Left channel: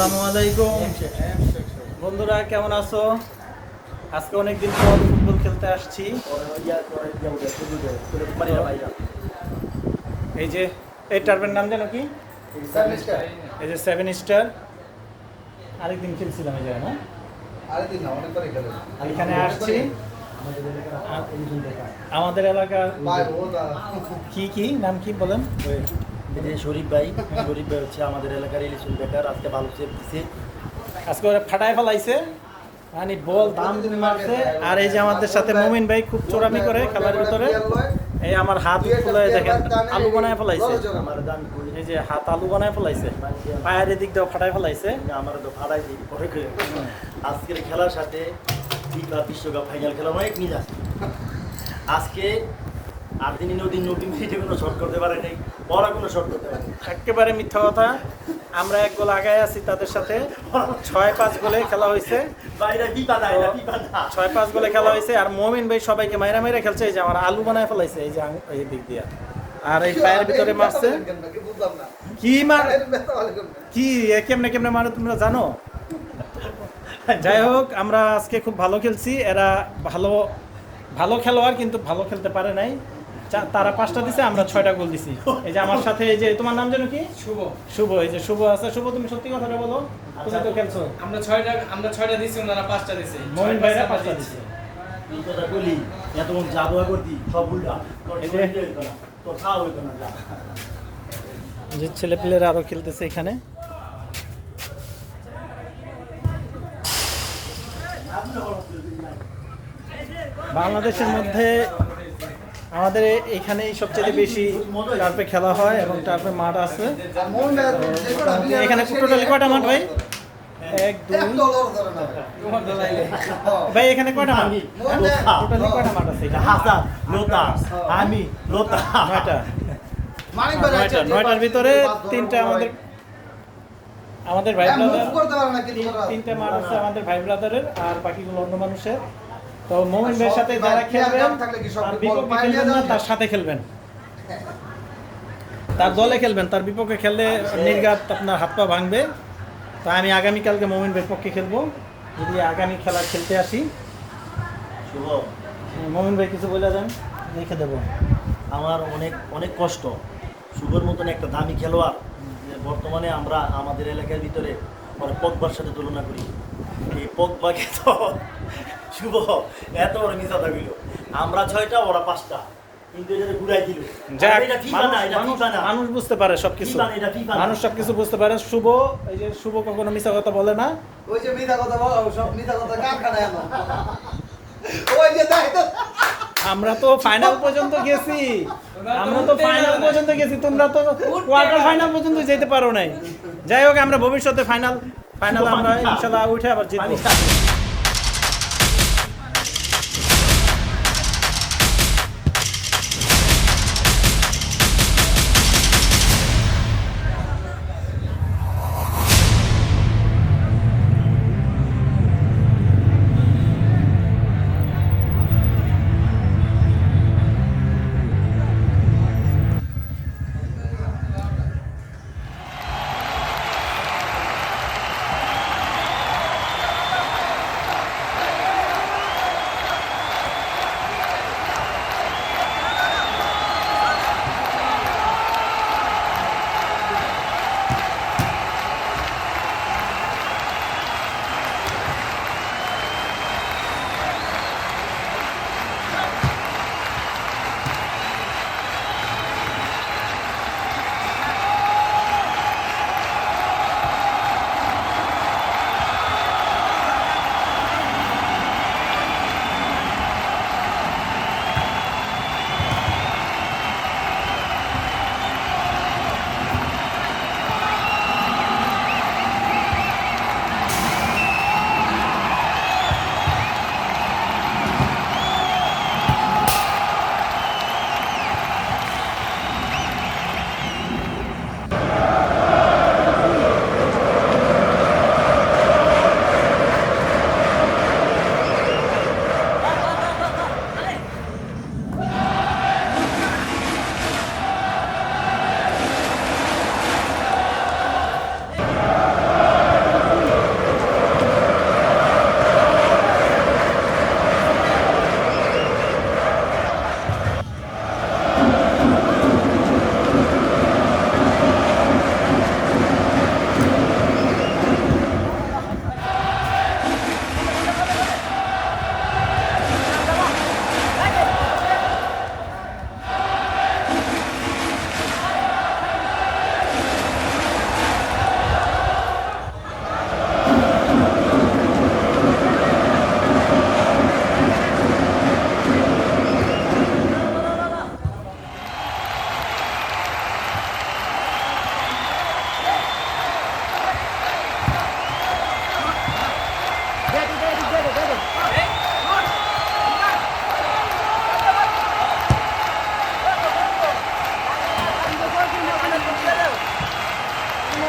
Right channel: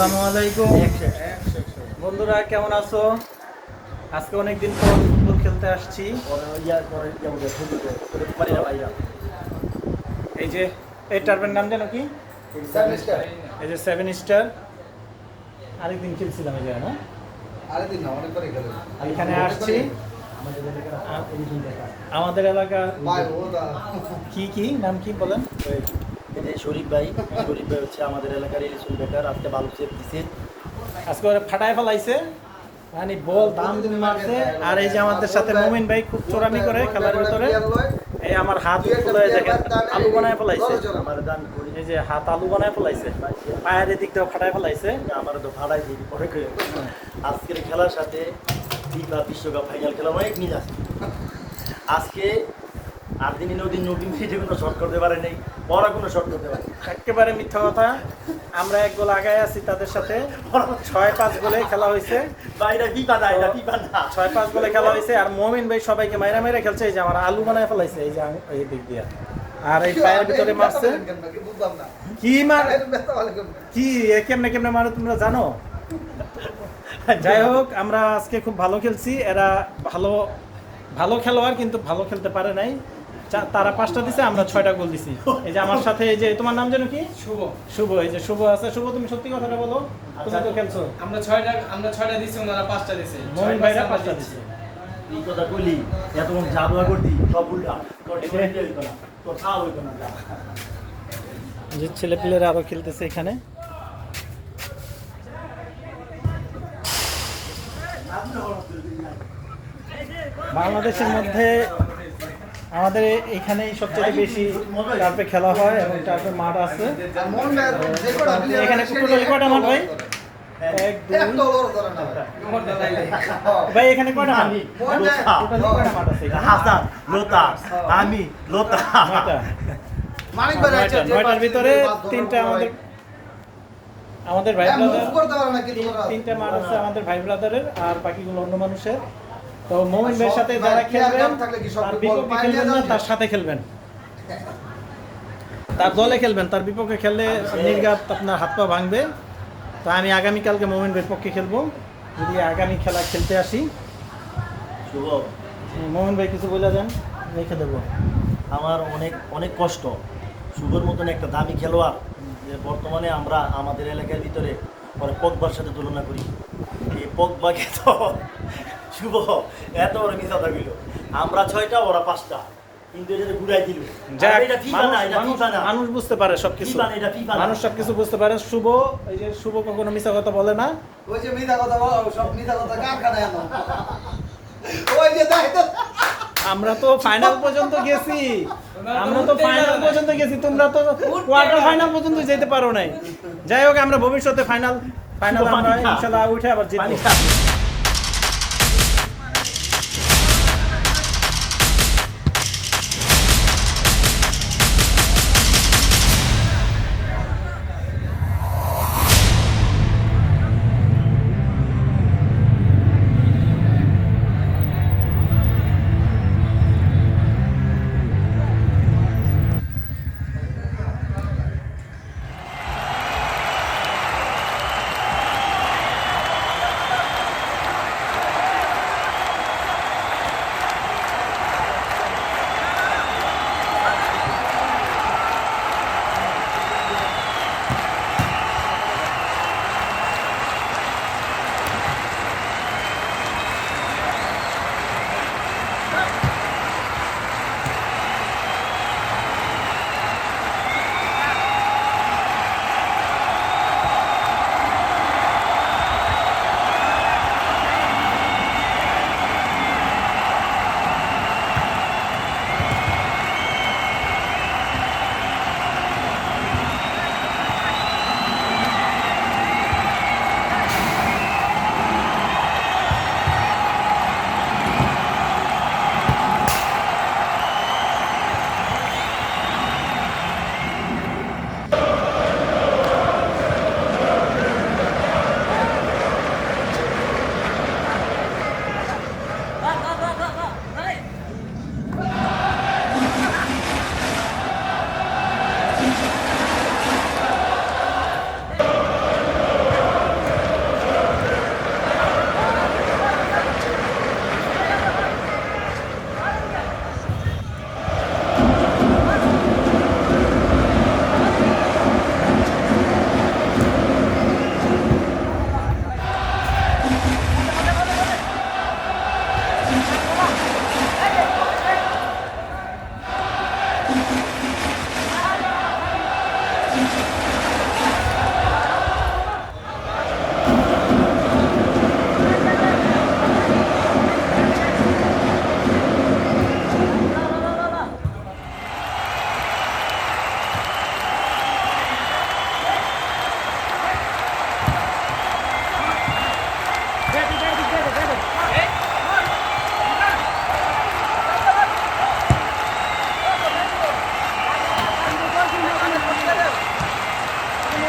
আসসালামু আলাইকুম বন্ধুরা, কেমন আছো? আজকে অনেকদিন পর ফুটবল খেলতে আসছি। এই যে এই টার্ফের নাম জানো কি? এই যে 7 স্টার। আরেকদিন খেলছিলাম এই জায়গায়, না এখানে আসছি। আমাদের এলাকার কি কি নাম কি বলেন? এই যে শরীফ ভাই হচ্ছে আমাদের এলাকার ইলিশন বেকার। আজকে ভালো সেভ দিছে, আজকে ওরা ফাটায় ফেলাইছে, মানে বল দাম মারছে। আর এই যে আমাদের সাথে মুমিন ভাই খুব চোরামি করে খেলার ভিতরে। এই আমার হাত ফুলে দেখেন আলু বানায় ফেলাইছে। এই যে হাত আলু বানায় ফেলাইছে, পায়ের এদিক দিয়ে ফাটায় ফেলাইছে। আমার তো ফাড়াই দিই পরে করে। আজকের খেলার সাথে ফিফা বিশ্বকাপ ফাইনাল খেলা অনেক মিল আছে। আজকে আর্জেন্টিনা ওদিন নতুন মিনিটে কোনো শট করতে পারে নাই, বড় কোনো শট করতে পারে। একেবারে মিথ্যা কথা। আমরা এক গোল আগায় আছি তাদের সাথে। 6-5 গোলে খেলা হয়েছে। 6-5 গোলে খেলা হয়েছে। আর মমিন ভাই সবাইকে মাইরা মাইরা খেলছে। এই যে আমার আলু বানায় ফেলাইছে এই যে এই দিক দিয়ে। আর এই পায়ের ভিতরে মারছে। কি মার কি কেমনে কেমনে মারে তোমরা জানো? যাই হোক, আমরা আজকে খুব ভালো খেলছি। এরা ভালো ভালো খেলোয়াড়, কিন্তু ভালো খেলতে পারে নাই। তারা 5টা দিছে, আমরা 6টা গোল দিছি। এই যে আমার সাথে এই যে তোমার নাম জানো কি? শুভ। এই যে শুভ আছে। শুভ, তুমি সত্যি কথাটা বলো, তুমি তো খেলছো। আমরা 6টা দিছি, ওনারা 5টা দিছে। মমিন ভাইরা 5টা দিছে। এই কথা কইলি এত জাদুয়া করতি সব উল্টা তোর খাওয়া হইতো না। যে ছেলে পেলেরা আরো খেলতেছে এখানে। বাংলাদেশের মধ্যে আমাদের এখানেই সবচেয়ে বেশি টার্ফে খেলা হয় এবং টার্ফে মাঠ আছে। এখানে টোটালি কয়টা মাঠ ভাই? 1 2 ভাই এখানে কয়টা মাঠ? টোটালি কয়টা মাঠ আছে এখানে? হাসান, লোতা, আমি, লোতা, 9টার ভিতরে 3টা আমাদের ভাই ব্রাদার। 3টা মাঠ আছে আমাদের ভাই ব্রাদারের, আর বাকিগুলো অন্য মানুষের। তো মোমিন ভাইয়ের সাথে যারা খেলবেন তার বিপক্ষে খেলবেন না, তার সাথে খেলবেন, তার দলে খেলবেন। তার বিপক্ষে খেললে নির্ঘাত আপনার হাত পা ভাঙবে। তা আমি আগামীকালকে মোমিন ভাইয়ের পক্ষে খেলবো, যদি আগামী খেলা খেলতে আসি। শুভ, মোমিন ভাই কিছু বলে যান, রেখে দেবো। আমার অনেক অনেক কষ্ট। শুভর মতন একটা দামি খেলোয়াড় যে বর্তমানে আমরা আমাদের এলাকার ভিতরে পরে পগবার সাথে তুলনা করি। এই পগবাকে তো শুভ এত বড় মিস কথা কইল। আমরা 6টা, ওরা 5টা, কিন্তু এটা ঘুরাই দিল। এটা ফিফা না, এটা ফিফা না। মানুষ বুঝতে পারে সবকিছু, মানুষ সবকিছু বুঝতে পারে। শুভ, এই যে শুভ কখনো মিথ্যা কথা বলে না। ওই যে মিথ্যা কথা বলো, সব মিথ্যা কথা কারখানায় আমার। ওই যে দাইতো আমরা তো ফাইনাল পর্যন্ত গেছি, তোমরা তো কোয়ার্টার ফাইনাল পর্যন্ত যেতে পারো নাই। যাই হোক, আমরা ভবিষ্যতে ফাইনাল আমরা ইনশাআল্লাহ উঠে আবার জিতবো।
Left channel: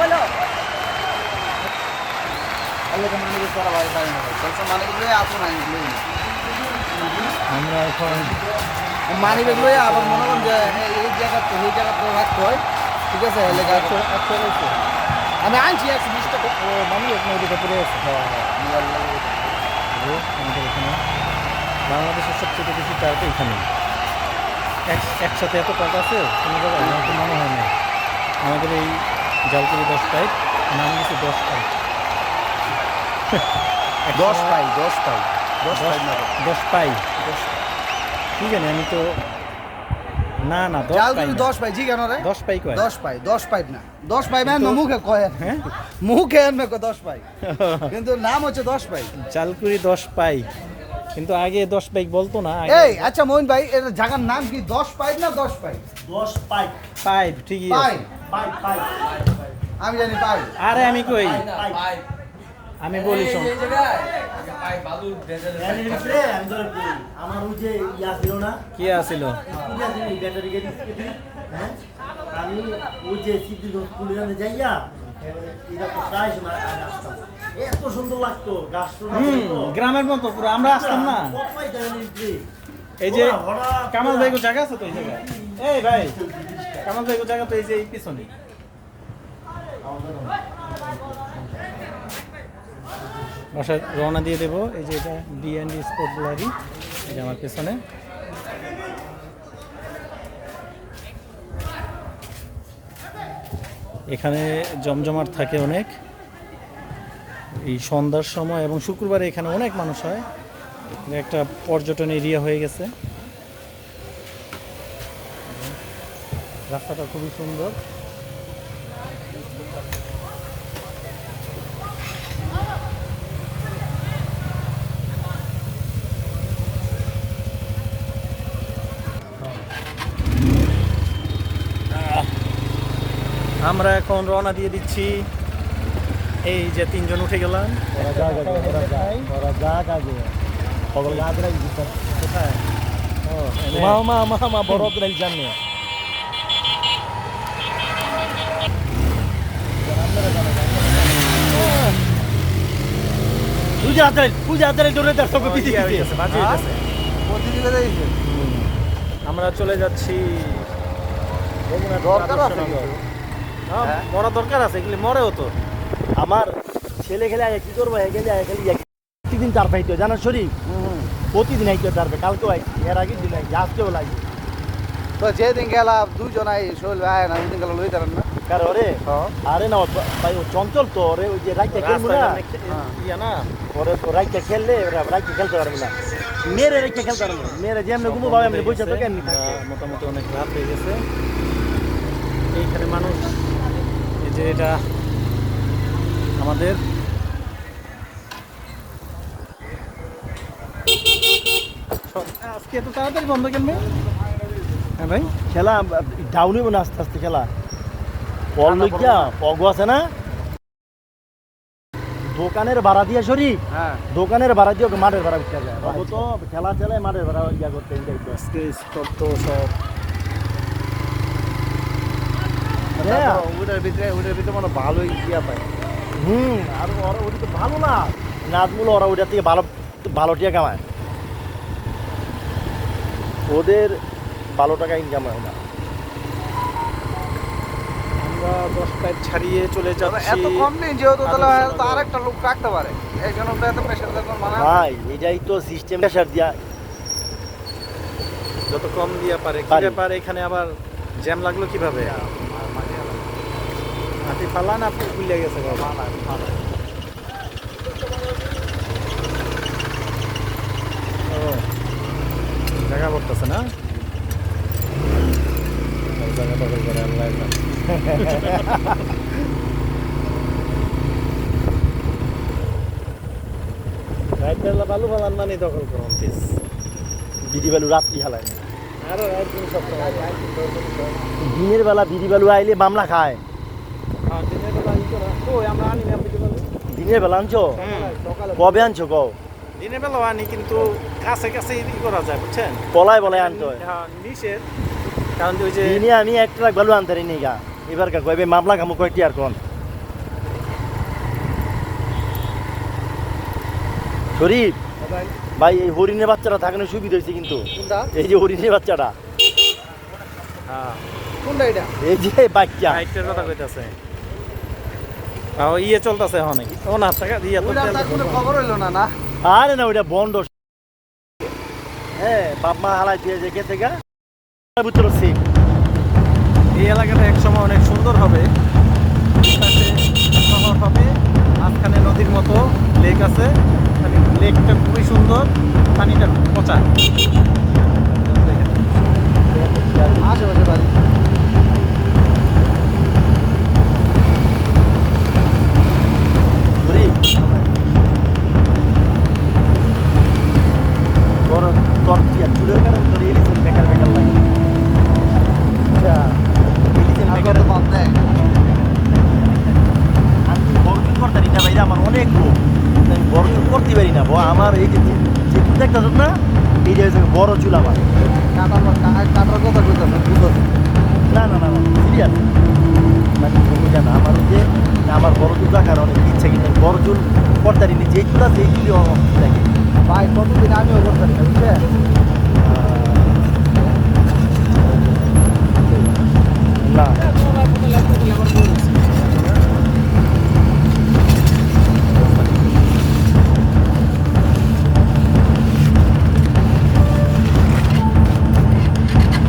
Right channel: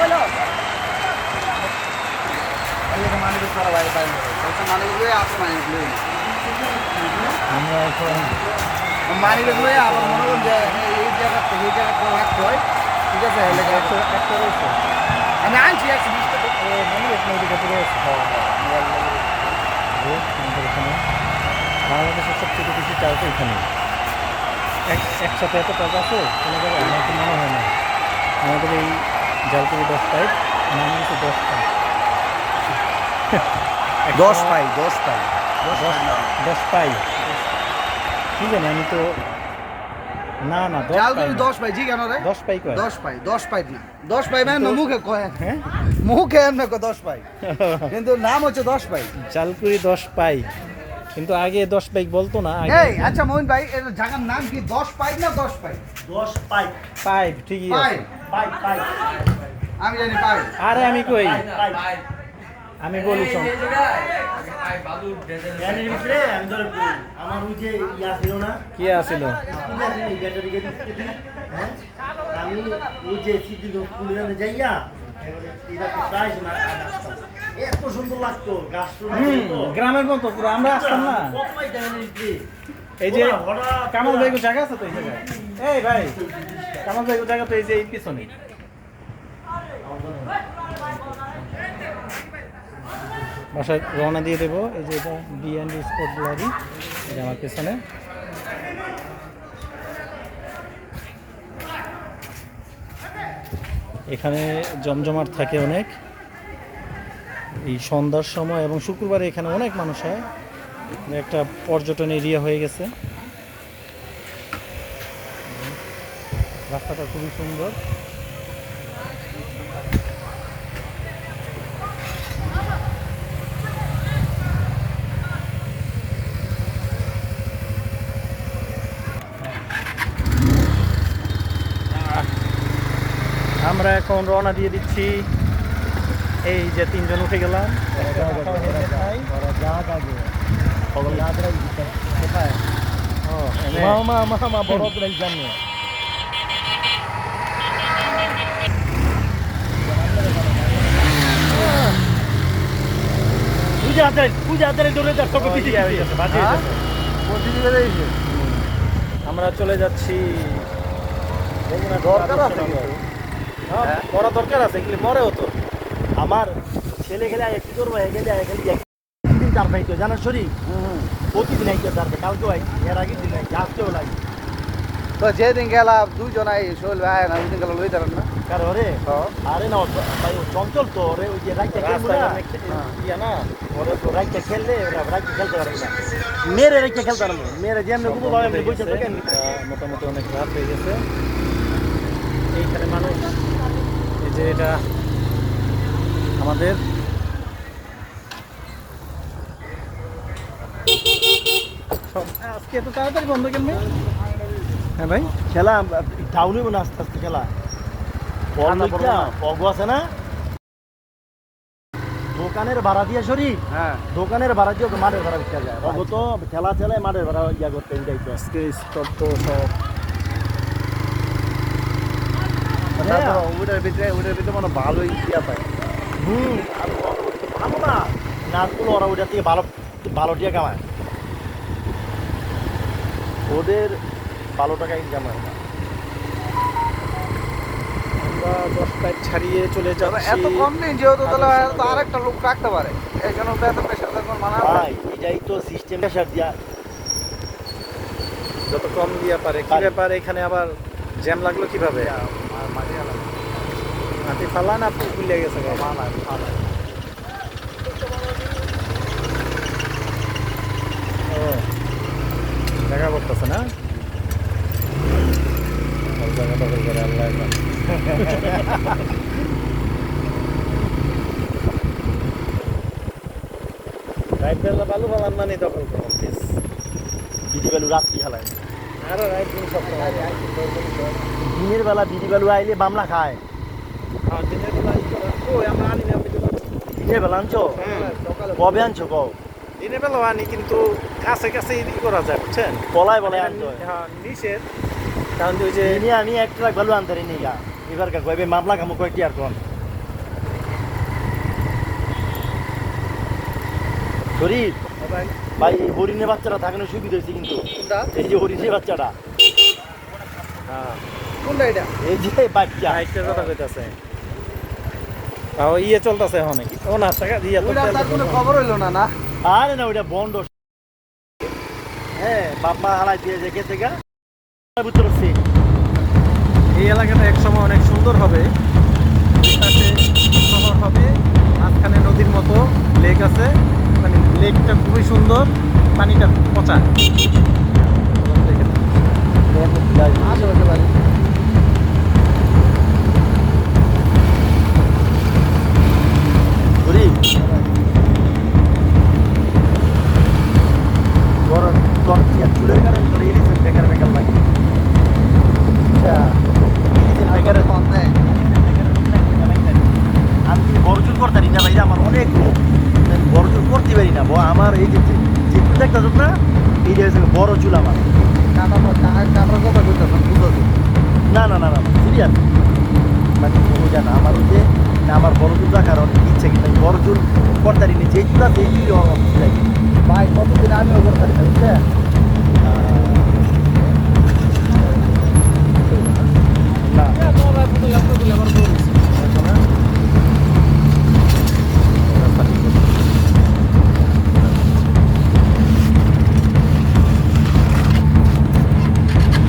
বলো আরে মানি বেশ করা ভাই ভাই বলছো মানি গুলো আপনি মানি গুলো আমরা এখন মানি বেশ লয়ে আবার মনে করুন যে এই জায়গা তো ওই জায়গা তো রাখতে হয় ঠিক আছে এলাকা একটা রয়েছে আমি আনছি 120 টাকা ও মানি এক নদী কাপড়ে আছে মোবাইল লাগে যে আমাদের এখানে বাংলাদেশের সবচেয়ে বেশি টার্ফ এখানে একসাথে এত টার্ফ আছে কোনো জায়গায় আমার তো মনে হয় না আমাদের এই জালকুড়ি 10 পাইপ নাম দিচ্ছে 10 পাইপ 10 পাই 10 পাই 10 পাই কি জানি আমি তো না 10 পাই 10 পাই জি কেন রে 10 পাই কয় 10 পাই 10 পাই না 10 পাই মানে মুখে কয় হ্যাঁ মুখে এমনি কয় 10 পাই কিন্তু নাম হচ্ছে 10 পাই জালকুড়ি 10 পাই কিন্তু আগে 10 পাই বলতো না আগে এই আচ্ছা মোহন ভাই এর জায়গার নাম কি 10 পাই না 10 পাই 10 পাইপ পাইপ ঠিকই পাই আছে পাইপ আমি জানি পাই আরে আমি কই আমি বলি শোন আমি ধরে বলি, আমার ওই যে ইয়া ছিল না কি আছিল ব্যাটারি গাড়ি হ্যাঁ আমি ওই যে সিটি কুলিয়ানে যাইয়া এটা তো প্রায় না আসতাম এত সুন্দর লাগতো গাছটা গ্রামের মতো পুরো আমরা আসতাম না এই যে কামাল ভাইগো জায়গা আছে তো এই জায়গায় এই ভাই কামাল ভাইগো জায়গা তো এই যে এই পিছনে বাসায় রওনা দিয়ে দেবো এই যে এটা ডি&ডি স্পোর্ট গ্যালারি এই যে আমার পেছনে এখানে জমজমাট থাকে অনেক এই সন্ধ্যার সময় এবং শুক্রবারে এখানে অনেক মানুষ হয় একটা পর্যটন এরিয়া হয়ে গেছে রাস্তাটা খুবই সুন্দর আমরা এখন রওনা দিয়ে দিচ্ছি এই যে তিনজন উঠে গেলাম কোথায় ও এনে। বড় প্রাইজ জানো পূজা ডরে দেখো ও, ইয়া হয়ে গেছে, বাজি হয়ে গেছে। প্রতিদিকে দিয়েছে আমরা চলে যাচ্ছি দরকার আছে কি? হ্যাঁ, মরা দরকার আছে এগুলি মরেও তো আমার ছেলে খেলে কি করবো প্রতিদিন তার ভাইতো জানার শরীর প্রতিদিন আইতো তার ভাই কালকে হয় এর আগে দিন আজকেও লাগে তো যেদিন গেলাম দুজন আই শোল আয় না ওইদিন গেল লই দাঁড়ান না কারণ ওরে হ্যাঁ আরে না ভাই ও চঞ্চল তো ওরে ওই যে রাইতে খেলবো না ইয়া না ওরে রাইতে খেললে ওরা রাইতে খেলতে পারবে না মেরে রাইতে খেলতে পারবো মেরে যেমন কিন্তু ভাই আমি বসে থাকেন মোটামুটি অনেক রাত হয়ে গেছে এইখানে মানুষ এই যে এটা আমাদের আজকে এত তাড়াতাড়ি বন্ধ কেন হ্যাঁ ভাই খেলা ডাউন হইব না আস্তে আস্তে খেলা পগ আছে না দোকানের ভাড়া দিয়ে শরীর হ্যাঁ দোকানের ভাড়া দিয়ে মাঠের ভাড়া উঠতে যায় বাবু তো খেলা চলে মাঠের ভাড়া ইয়া করতে আজকে স্টপ তো সব তারপর ওটার ভিতরে মানে ভালোই ইয়া পায় আর ওরা ওটা তো ভালো না নাচগুলো ওরা ওইটা থেকে ভালো ভালো টিয়া কামায় ওদের ভালো টাকা ইনকাম হয় না আমরা 10 পাইপ ছাড়িয়ে চলে তবে যাচ্ছি এত কম দিন যেহেতু তাহলে তো আরেকটা লোক রাখতে পারে এই জন্য তো এত প্রেশার দেখুন মানা ভাই এটাই তো সিস্টেম প্রেশার দিয়া যত কম দিয়া পারে কি পারে। ব্যাপার এখানে আবার জ্যাম লাগলো কিভাবে মাটি ফালা না খুলে গেছে ও জায়গা বলতেছে না সব জায়গা দখল করে আল্লাহ জানে। রাইতবেলা বালু ফালান মানে দখল করুন প্লিজ দিদি বেলু রাত্রি খেলায় আরো একদিন সপ্তাহে দিনের বেলা দিদি বেলু আইলে মামলা খায় দিনের বেলা ই করা তো আমরা আনি না আপনি দিনের বেলা আনছো সকালে কবে আনছো কও দিনের বেলা আনি কিন্তু কাছে কাছে ই করা যায় বুঝছেন তলায় বলে আনতো হ্যাঁ নিষেধ কারণ ওই যে দিনে আমি এক ট্রাক বেলু আনতে নি গা এবার কা কইবে মামলা খামু কয়টি আর কোন শরীফ ভাই ভাই এই হরিণের বাচ্চাটা থাকানো সুবিধা হয়েছে কিন্তু কোনটা এই যে হরিণের বাচ্চাটা হ্যাঁ কোনটা এটা এই যে বাচ্চা হাইটের কথা কইতাছে ও ইয়ে চলতেছে অনেক ও না টাকা দিয়া তো ওইটা তার কোনো খবর হইলো না না আরে না ওইটা বন্ধ হ্যাঁ বাপমা হালাই দিয়ে দেখে থেকে ভিতরে সিট এই এলাকাটা একসময় অনেক সুন্দর হবে দুই পাশে শহর হবে মাঝখানে নদীর মতো লেক আছে মানে লেকটা খুবই সুন্দর পানিটা পচা আশেপাশে বাড়ি শরীফ তোর তোর চুলের কারণে তোর এই বেকার বেকার লাগে বেকার কন্টে আমি বরজুল করতে পারি না ভাই আমার অনেক রোগ আমি বরজুল করতে পারি না আমার এই যে চুল দেখতে না এইটা হচ্ছে বড় চুল আমার কাটার কথা কইতাছ বুঝছো না না না না সিরিয়াস মানে ওইটা না আমার ওই যে আমার বড় চুল দেখার অনেক ইচ্ছে কিন্তু আমি বড় চুল করতে পারি যে চুল আছে এই লাগে ভাই কতদিন আমিও করতে পারি বুঝছেন না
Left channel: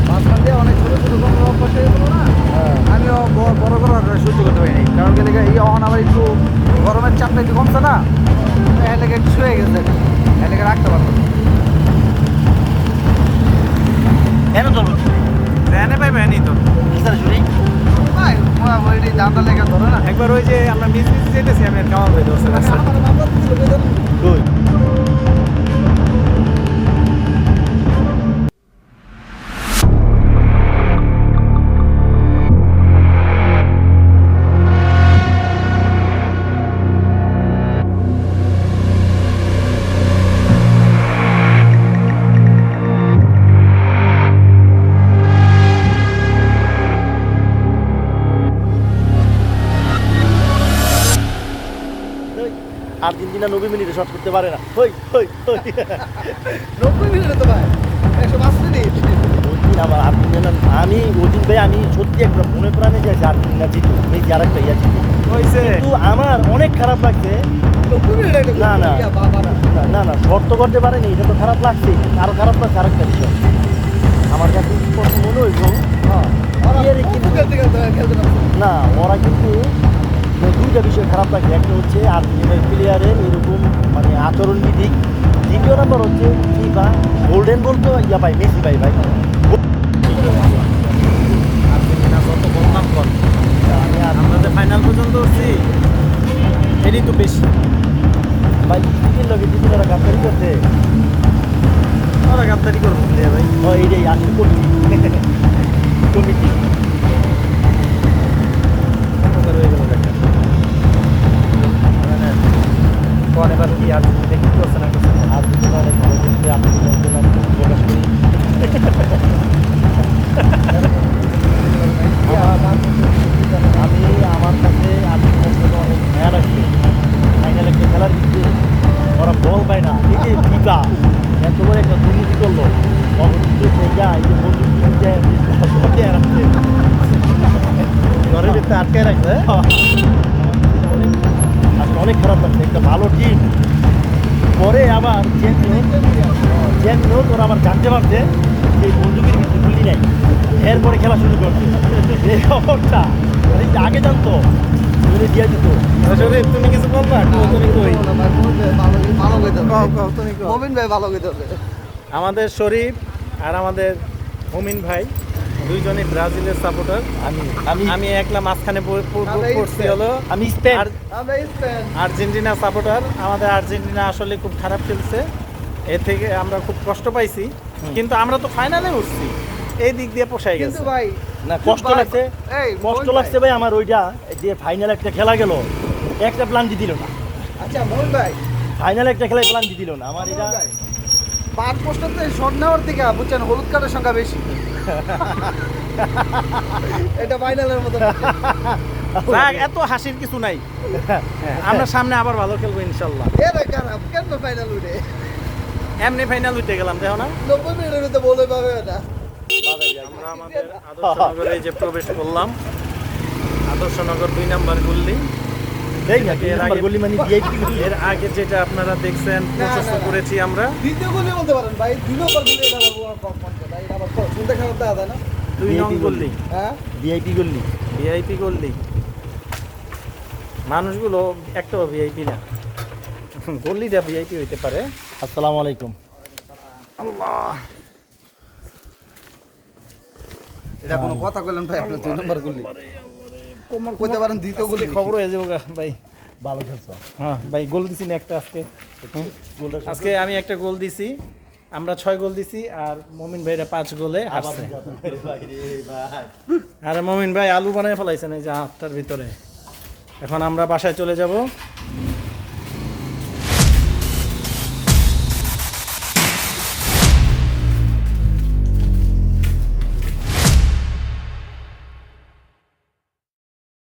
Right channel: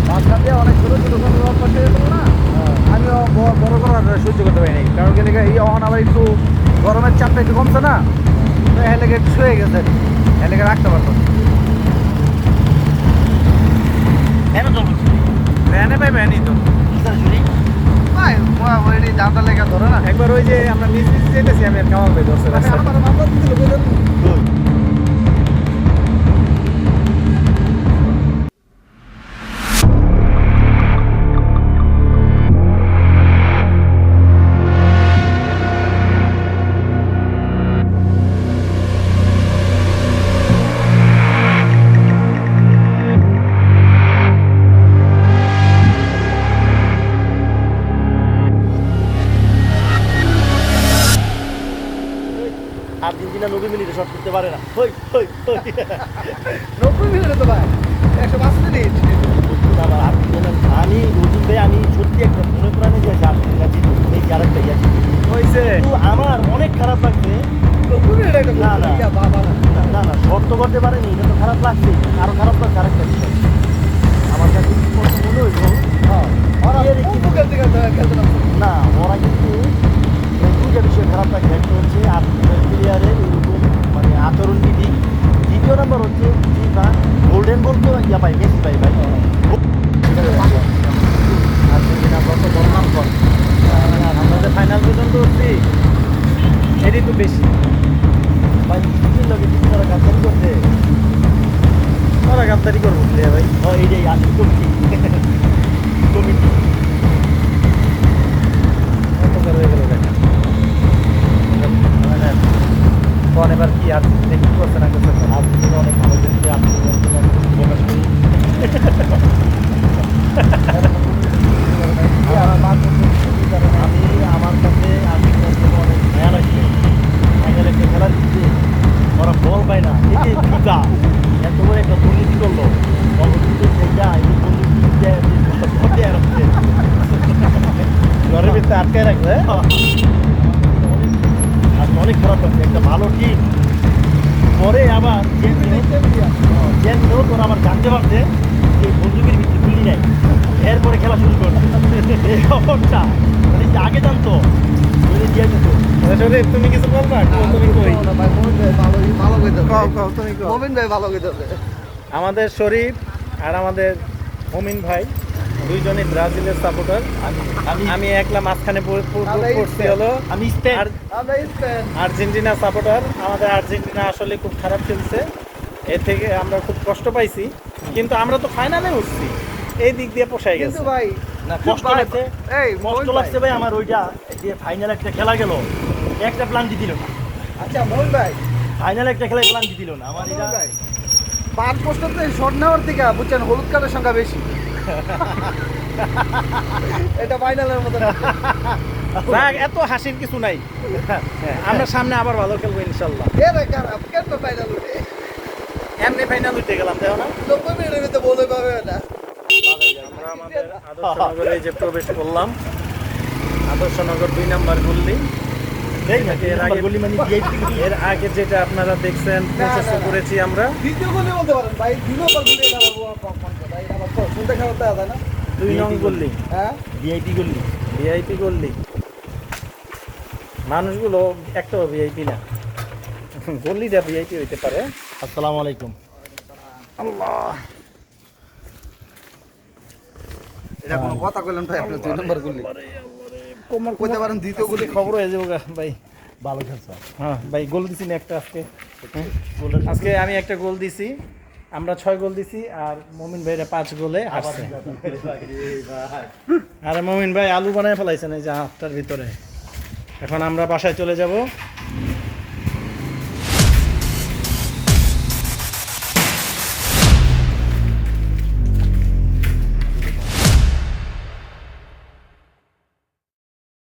মাঝখান দিয়ে অনেক ছোটো ছোটো গল্প করতে হইলো না আমিও বড় বড় আর সহ্য করতে পারি নাই কারণ গেলে এই অন আবার একটু গরমের চাপটা একটু কমছে না তো এলাকা একটু শুয়ে গেছে এলাকা রাখতে পারলো না। ভ্যানে পাই ভ্যানই তো ভাই ওই জানটা লেগে ধরে না একবার ওই যে আমরা মিস যেতেছি আমি কামাল ভাই ধরছে রাস্তায়। আমার মামলা দিছিল বেতন আর্জেন্টিনা 90 মিনিটে শট করতে পারে না হই হই হই 90 মিনিটে তো ভাই 105 মিনিট আমার আর্জেন্টিনা আমি ওদিন ভাই আমি সত্যি একটা মনে প্রাণে যে আর্জেন্টিনা জিতবে এই আরেকটা ইয়া জিতবে হয়েছে কিন্তু আমার অনেক খারাপ লাগছে 90 মিনিট এটা না, না। বাবা না না শর্ত করতে পারেনি এটা তো খারাপ লাগছে আরো খারাপ লাগছে আরেকটা বিষয় আমার কাছে মনে হয়েছে হ্যাঁ আর এর কিন্তু খেলতে খেলতে না না ওরা কিন্তু এই দুইটা বিষয় খারাপ লাগে একটা হচ্ছে আর্জেন্টিনার প্লেয়ারের এরকম মানে আচরণবিধি দ্বিতীয় নম্বর হচ্ছে ফিফা গোল্ডেন বল তো ইয়া পাই মেসি পাই ভাই আর্জেন্টিনা যত বদনাম কর আমরা যে ফাইনাল পর্যন্ত উঠছি এরই তো বেশি ভাই ইতির লগে কিন্তু তারা গাদ্দারি করছে ওরা গাদ্দারি করবো প্লেয়ার ভাই এইটাই আসলে কমিটি অন্ধকার হয়ে গেল দেখা কোন এবার কি আর্জেন্টিনা কি করছে না করছে আর্জেন্টিনা অনেক ভালো খেলছে আর্জেন্টিনা প্রকাশ করি আমি আমার কাছে আর্জেন্টিনা অনেক ভয়া লাগছে ফাইনাল একটা খেলার দিচ্ছে ওরা বল পায় না এই যে ফিফা একেবারে একটা দুর্নীতি করলো অবস্থিত সোজা এই যে বন্ধু রাখছে ঘরের ভিতরে আটকে রাখবে আজকে অনেক খারাপ লাগছে একটা ভালো টিম পরে আবার জ্যাংলো তোরা আবার জানতে পারছে যে বন্ধুকে বুঝি নাই এরপরে খেলা শুরু করছে এই অবস্থা এই যে আগে জানতো এনে দিয়ে দিত শরীফ তুমি কিছু বলবা তুমি কই ভাই ভালো ভালো কইতে কও কও তুমি কও মোমিন ভাই ভালো কইতে আমাদের শরীফ আর আমাদের মমিন ভাই দুইজনই ব্রাজিলের সাপোর্টার আমি একলা মাঝখানে পড়ছি হলো আমি স্পেন আর আমরা স্পেন আর্জেন্টিনা সাপোর্টার আমাদের আর্জেন্টিনা আসলে খুব খারাপ খেলছে এর থেকে আমরা খুব কষ্ট পাইছি কিন্তু আমরা তো ফাইনালে উঠছি এই দিক দিয়ে পোষায় গেছে কিন্তু ভাই না কষ্ট ভাই, লাগছে এই কষ্ট লাগছে ভাই আমার ওইটা যে ফাইনাল একটা খেলা গেল একটা প্ল্যান দিল না আচ্ছা মোমিন ভাই ফাইনাল একটা খেলায় প্ল্যান দিল না আমার এটা ভাই পার পোস্টারতে শট নেওয়ার থেকে বুঝছেন হলুদ কার্ডের সংখ্যা বেশি এটা ফাইনালের মতো রাগ, এত হাসির কিছু নাই। হ্যাঁ, আমরা সামনে আবার ভালো খেলবো ইনশাল্লাহ। এরে খারাপ কেন ফাইনাল উঠে এমনি ফাইনাল উঠে গেলাম, দেখো না? 90 মিনিটের ভিতরে বলে পাবে এটা আমরা আমাদের আদর্শনগরে এই যে প্রবেশ করলাম। আদর্শনগর 2 নাম্বার গল্লি। এর আগে যেটা আপনারা দেখছেন প্রশস্ত করেছি আমরা। দ্বিতীয় গোলে বলতে পারেন ভাই, 2 নম্বর গোলে এটা বলবো কম এটা এটা আবার শুনতে খারাপ দাদা না 2 নং গল্লি, হ্যাঁ ভিআইপি গল্লি। ভিআইপি গল্লি। মানুষগুলো একটাও ভিআইপি না, গল্লিটা ভিআইপি হইতে পারে। আসসালামু আলাইকুম। আল্লাহ, এটা কোনো কথা কইলেন ভাই, আপনি 2 নম্বর গোলে কইতে পারেন দ্বিতীয় গোলে খবর হয়ে যাবো গা ভাই। ভালো খেলছো। হ্যাঁ ভাই, গোল দিছি না একটা আজকে। হ্যাঁ, আজকে আমি একটা গোল দিছি, আমরা 6 গোল দিছি, আর মমিন ভাইরা 5 গোলে হারছে। আর মমিন ভাই আলু বানায় ফেলাইছেন এই যে হাতটার ভিতরে। এখন আমরা বাসায় চলে যাব।